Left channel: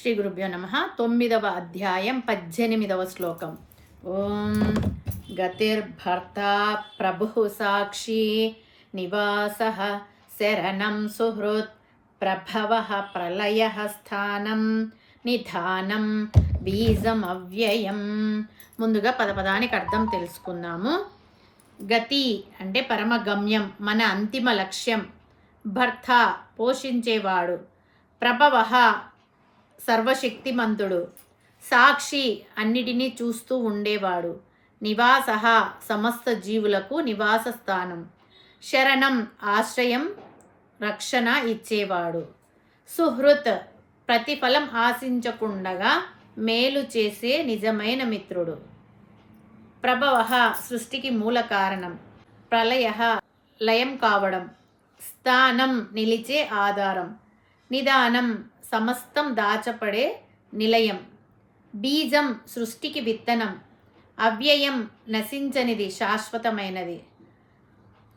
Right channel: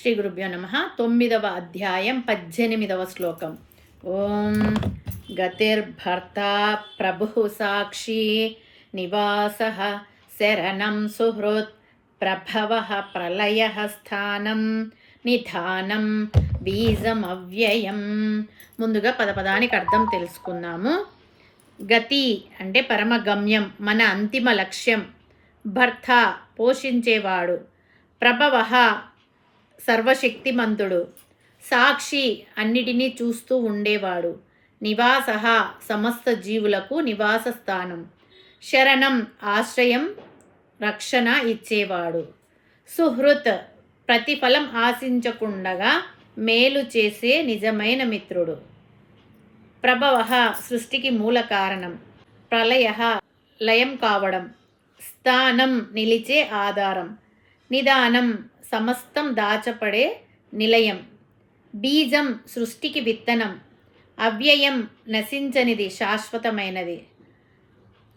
శ్రీ గురుభ్యో నమః. 9వ అధ్యాయం 18వ శ్లోకం. ఓం గతిర్భర్తా ప్రభుః సాక్షి నివాసః శరణం సుహృత్ ప్రభవః ప్రళయః స్థానం నిధానం బీజమవ్యయం. ముందుగా పదపదానికి అర్థం తెలుసుకుందాము. గతి అంటే పరమగమ్యం, మన అంతిమ లక్ష్యం. భర్త పోషించేవాడు. ప్రభవః సర్వశక్తిమంతుడు. సాక్షి అన్నిటినీ చూస్తూ ఉండేవాడు. నివాసః సమస్త జీవులకు నివాస స్థానం. శరణం ఆశ్రయం, రక్షణ ఇచ్చేవాడు. సుహృత్ ప్రతిఫలం ఆశించకుండగా మేలు చేసే నిజమైన మిత్రుడు. ప్రభవః సృష్టికి మూల కారణం. ప్రళయః లయం కావడం. స్థానం నిలిచే ఆధారం. నిదానం సమస్తం దాచపడే నిలయం. బీజం సృష్టికి విత్తనం. అవ్యయం నశించనిది, శాశ్వతమైనది.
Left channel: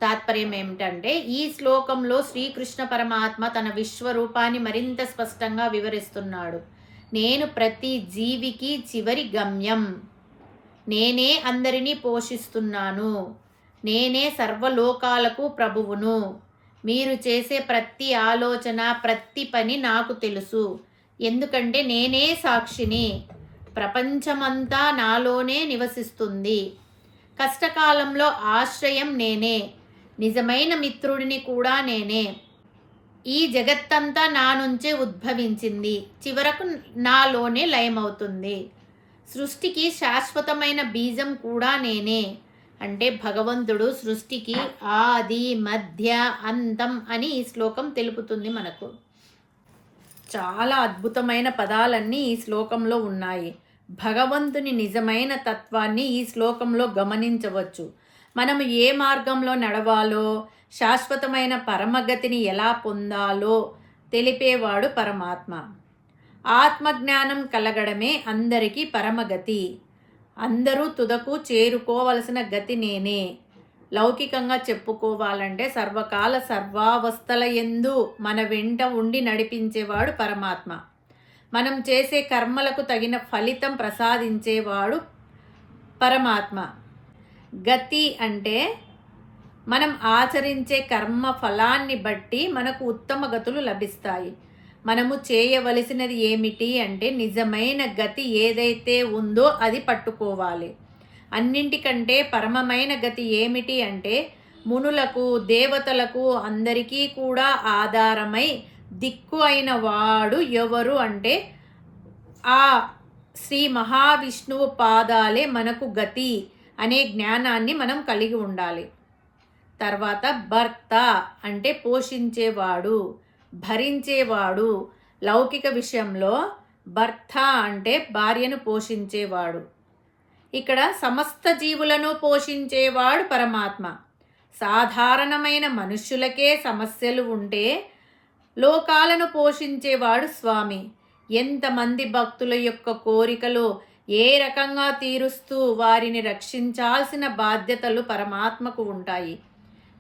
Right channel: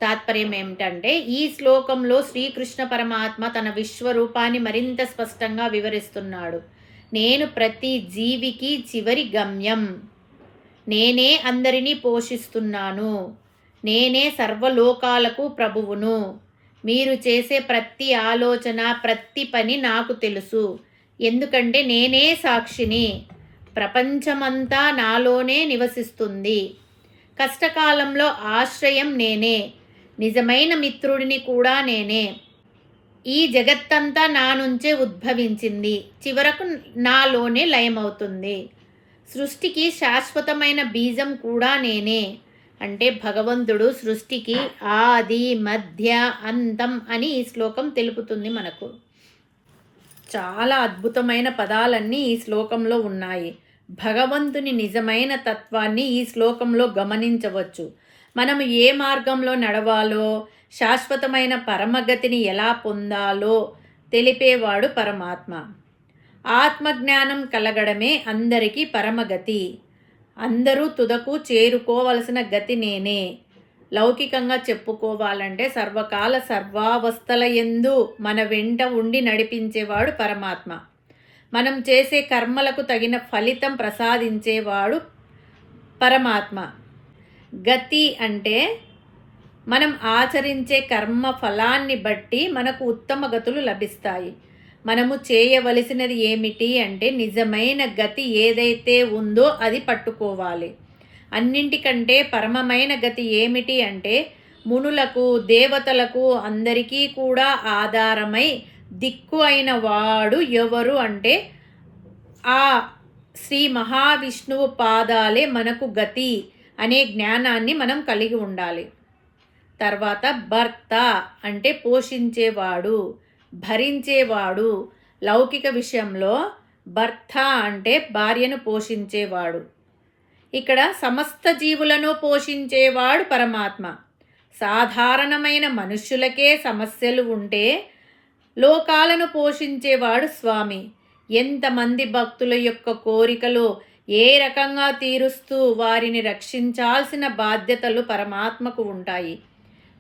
తాత్పర్యం ఏమిటంటే, ఈ శ్లోకంలో శ్రీకృష్ణ పరమాత్మ తన విశ్వరూపాన్ని మరింత స్పష్టంగా వివరిస్తున్నాడు. నేను ప్రతి జీవికి చివరి గమ్యం. నేనే అందరినీ పోషిస్తున్నాను. నేనే సర్వలోకాలకు ప్రభువును. మీరు చేసే ప్రతి ఆలోచన, ప్రతి పని నాకు తెలుసు. ఎందుకంటే నేనే సాక్షిని. ప్రపంచమంతా నాలోనే నివసిస్తుంది. కష్టకాలంలో ఆశ్రయం నేనే. నిజమైన మిత్రుడిని కూడా నేనే. ఈ జగత్తంతా నా నుంచే ఉద్భవించింది. చివరకు నాలోనే లయమవుతుంది. సృష్టికి శాశ్వతమైన బీజం కూడా నేనే. అంటే భగవంతుడు సృష్టికి ఆది మధ్య అంతం అని ఈ శ్లోకం తెలుపుతుంది మనకు. చాలా అద్భుతమైన పదాలన్నీ ఈ శ్లోకంలో ఉన్నాయి. భగవంతుని నిజమైన తత్వాన్ని ఈ శ్లోకంలో గమనించవచ్చు. మనము ఏ మార్గంలో నడవాలో, శాశ్వతమైన పరమగతిని ఎలా పొందాలో తెలిపేవాడు పరమాత్మ. ఆత్మజ్ఞానం కలగడమే అందరికీ పరమగతి. అందరూ తుదకు చేరుకోవలసిన గతి నేనే. లౌకికంగా చెప్పుకోవాలంటే సర్వకాల సర్వావస్థల యందు మన వెంట ఉండి నడిపించేవాడు పరమాత్మ. మనం చేసే కర్మలకు తగిన ఫలితం ప్రసాదించేవాడు పరమాత్మ. గతి అంటే మనం ఆచరించే కర్మ ఫలాన్ని బట్టి మనకు ఉత్తమ గతులు లభిస్తాయి. మనము చేయవలసినది ఏమిటి అంటే, నిజమైన గతి ఏదైతే ఉందో అది పట్టుకోవాలి. అన్నింటికంటే పరమమైన గతి ఏమిటి అంటే, మునులకు, దేవతలకు అందరికీ కూడా ఆధారమై దిక్కు అయిన వాడు ఎవరు అంటే, ఆ శ్రీ మహావిష్ణువు పాదాలే మనకు గతి అనే జ్ఞానాన్ని మనం కలిగి ఉండాలి. తర్వాత భర్త అంటే పోషించేవాడు, భరించేవాడు. లౌకిక విషయంలో భర్త అంటే భార్యను పోషించేవాడు. ఇక్కడ సమస్త జీవులను పోషించేవాడు పరమాత్మ. సాధారణమైన మనుష్యులకే సమస్యలు ఉంటే లోకాలను పోషించేవాడు స్వామి. ఎంతమంది భక్తుల యొక్క కోరికలు ఏ రకంగా తీరుస్తూ వారిని రక్షించాల్సిన బాధ్యతలు పరమాత్మకు ఉంటాయి.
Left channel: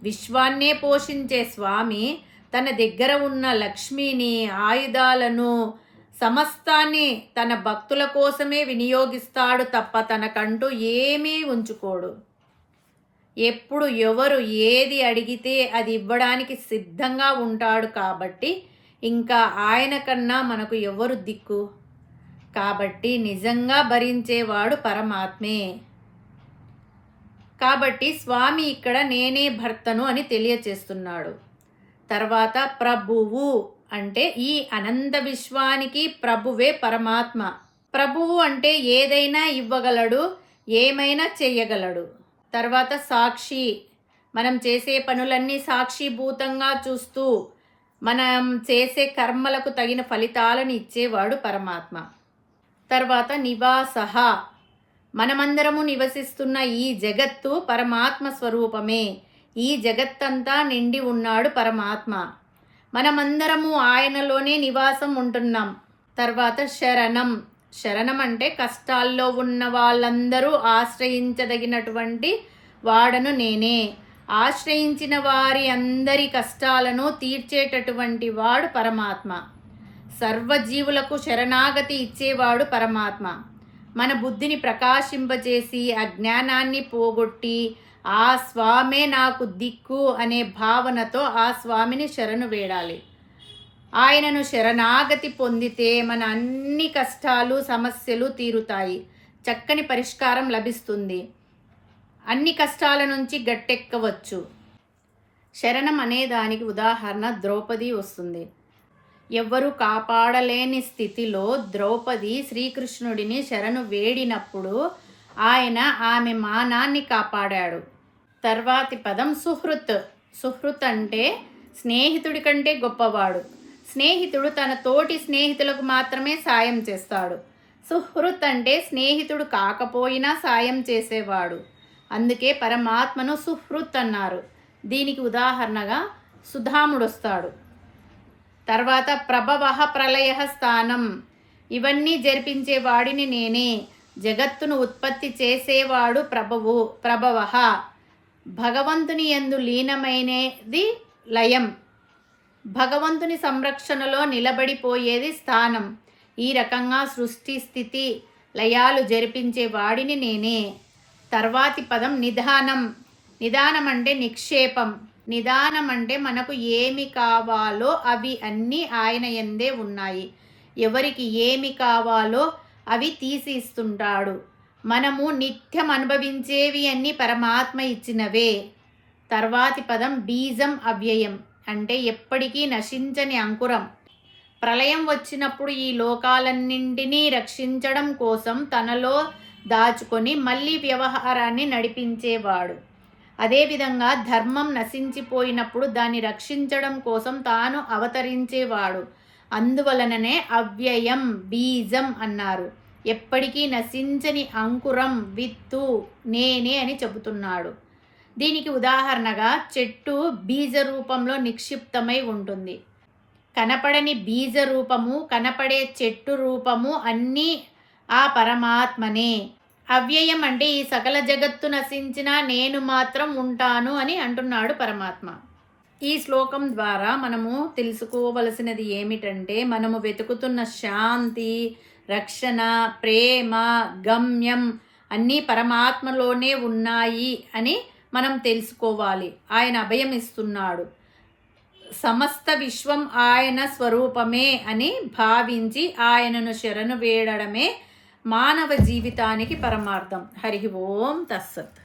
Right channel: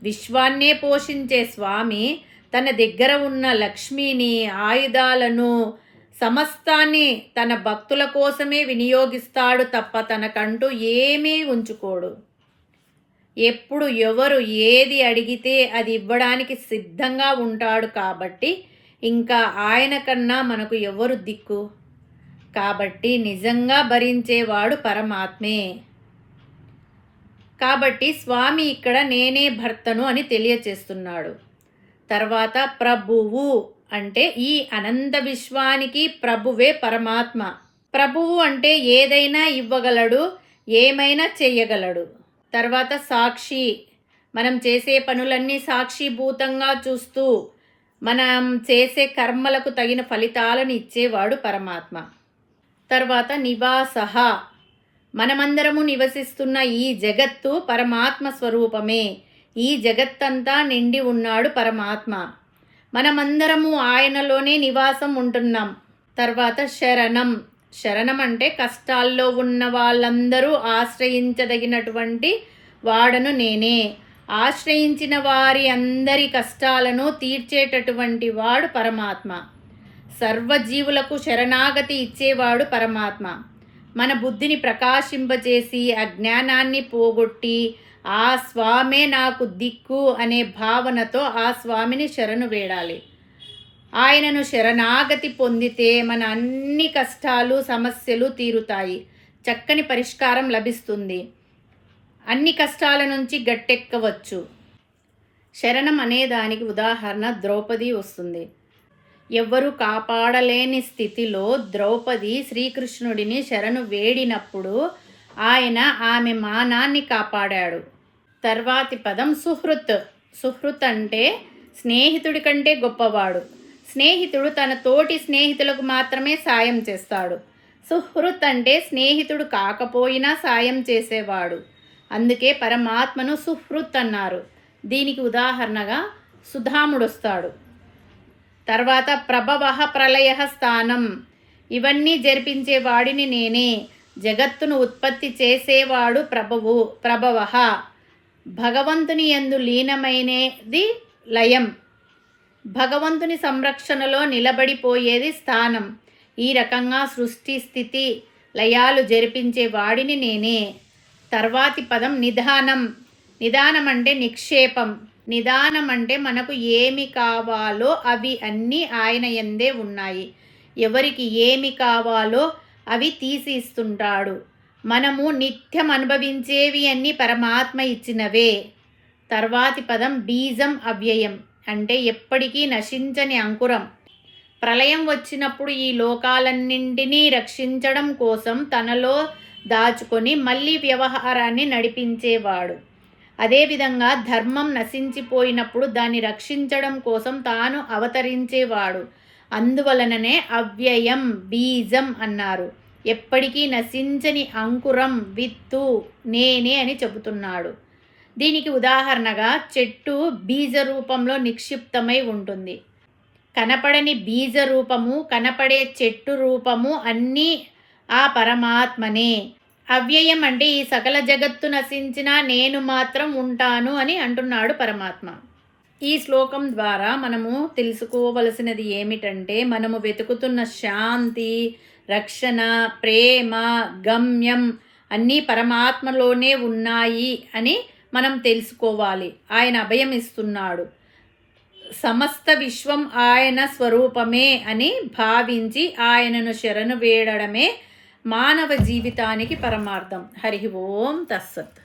విశ్వాన్నే పోషించే స్వామి తన దగ్గర ఉన్న లక్ష్మిని, ఆయుధాలను, సమస్తాన్ని తన భక్తుల కోసమే వినియోగిస్తాడు తప్ప తనకంటూ ఏమీ ఉంచుకోడు. ఎప్పుడు ఎవరు ఏది అడిగితే అది ఇవ్వడానికి సిద్ధంగా ఉంటాడు. కాబట్టి ఇంకా ఆయన కన్నా మనకు ఎవరు దిక్కు? కాబట్టి నిజంగా భరించేవాడు పరమాత్మే. కాబట్టి స్వామి ఇక్కడ నేనే భర్తను అని తెలియచేస్తున్నాడు. తర్వాత ప్రభువు అంటే ఈ అనంత విశ్వానికి ప్రభువే పరమాత్మ. ప్రభువు అంటే ఏదైనా ఇవ్వగలడు, ఏమైనా చెయ్యగలడు. తర్వాత సాక్షి, మనం చేసే పనులన్నీ సాక్షిభూతంగా చూస్తూ మనం చేసే కర్మలకు తగిన ఫలితాలను ఇచ్చేవాడు పరమాత్మ. తర్వాత నివాసః, మనమందరము నివసిస్తున్న ఈ జగత్తు పరమాత్మ స్వరూపమే. ఈ జగత్తంతా నిండి ఉన్నాడు పరమాత్మ. మనమందరము ఆయనలోనే నివాసం ఉంటున్నాం. తర్వాత శరణం. శరణం అంటే కష్టాల్లో ఉన్న వాళ్ళందరూ ఆశ్రయించదగినటువంటి వాడను నేనే. ఆశ్రయించిన వారి అందరి కష్టాలను తీర్చేటటువంటి వాడు పరమాత్మ. సర్వజీవులకు శరణాగతి ఇచ్చేవాడు పరమాత్మ. మన బుద్ధిని ప్రకాశింపజేసి అజ్ఞానాన్ని పోగొట్టి ఆ స్వామే నాకు దిక్కు అనే భావనతో ఆ స్వామిని శరణు వేడాలి. ఆయనను శరణాగతి పొందితే మన అన్ని కష్టాలు సమస్యలు తీరుతాయి, చక్కని పరిష్కారం లభిస్తుంది, అన్ని కష్టాల నుంచి గట్టెక్కవచ్చు. శరణం అనేదానికి ఉదాహరణ ద్రౌపది వస్తుంది. ఎవ్వరూ కాపాడలేని స్థితిలో ద్రౌపది శ్రీకృష్ణుడిని శరణు వేడినప్పుడు ఆయన ఆమె మానాన్ని కాపాడాడు. తర్వాతి పదం సుహృత్. సుహృత్ అంటే స్నేహితుడి కంటే గొప్పవాడు. స్నేహితుడు తన తోటి స్నేహితులకు మాత్రమే సాయం చేస్తాడు. సుహృత్ అంటే స్నేహితుడు కాకపోయినా సాయం చేసేవాడు. అందుకే పరమాత్మను సుహృత్ అన్నారు. దీనికి ఉదాహరణగా సుధాముడు వస్తాడు. తర్వాత ప్రభవ ప్రళయ స్థానం. ఇవన్నీ జరిపించేవాడిని నేనే. జగత్తును ఉత్పత్తి చేసేవాడు ప్రభవ. భగవంతుని యందు లీనమైనది లయం. భగవంతుని సంరక్షణలో నిలబడిపోయేది స్థానం. ఈ రకంగా సృష్టి స్థితి లయాలు జరిపించే వాడిని నేనే. తర్వాతి పదం నిధానం. నిదానం అంటే నిక్షేపం. నిదానం అంటే మనకు ఏమి కావాలో అవి అన్నీ ఆయన యందే ఉన్నాయి. ఎవరికి ఏమి కావాలో అవి తీసి ఇస్తుంటాడు. మనము నిత్యం అనుభవించేవి అన్నీ పరమాత్మ ఇచ్చినవే. తర్వాతి పదం బీజం అవ్యయం అంటే ఎప్పటికీ నశించని అంకురం. ప్రళయం వచ్చినప్పుడు ఈ లోకాలన్నింటినీ రక్షించడం కోసం తనలో దాచుకొని మళ్ళీ వ్యవహారాన్ని నడిపించేవాడు. అదేవిధంగా ధర్మం నశించిపోయినప్పుడు దాన్ని రక్షించడం కోసం తాను అవతరించేవాడు. అందువలననే అవ్యయం బీజం అన్నారు. ఎప్పటికీ నశించని అంకురం విత్తు నేనే అని చెబుతున్నాడు. దీనికి ఉదాహరణగా చెట్టు బీజ రూపంలో నిక్షిప్తమై ఉంటుంది. కనపడని బీజ రూపము, కనపడే చెట్టు రూపము అన్నీ ఆ పరమాత్మనే. అవ్యయం అంటే ఈ సకల జగత్తు నశించినా నేను మాత్రం ఉంటాను అని అంటున్నాడు పరమాత్మ. ఈ శ్లోకం ద్వారా మనము తెలుసుకోవలసినది ఏమిటంటే మనము వెతుకుతున్న శాంతి, రక్షణ, ప్రేమ, గమ్యం అన్నీ పరమాత్మలోనే ఉన్నాయి అని మనం తెలుసుకోవాలి. ఆయన అభయం ఇస్తున్నాడు. సమస్త విశ్వం ఆయన స్వరూపమే అని భావించి ఆయనను శరణు వేడడమే మానవ జీవితానికి పరమార్థం. హరి ఓం తస్సత్.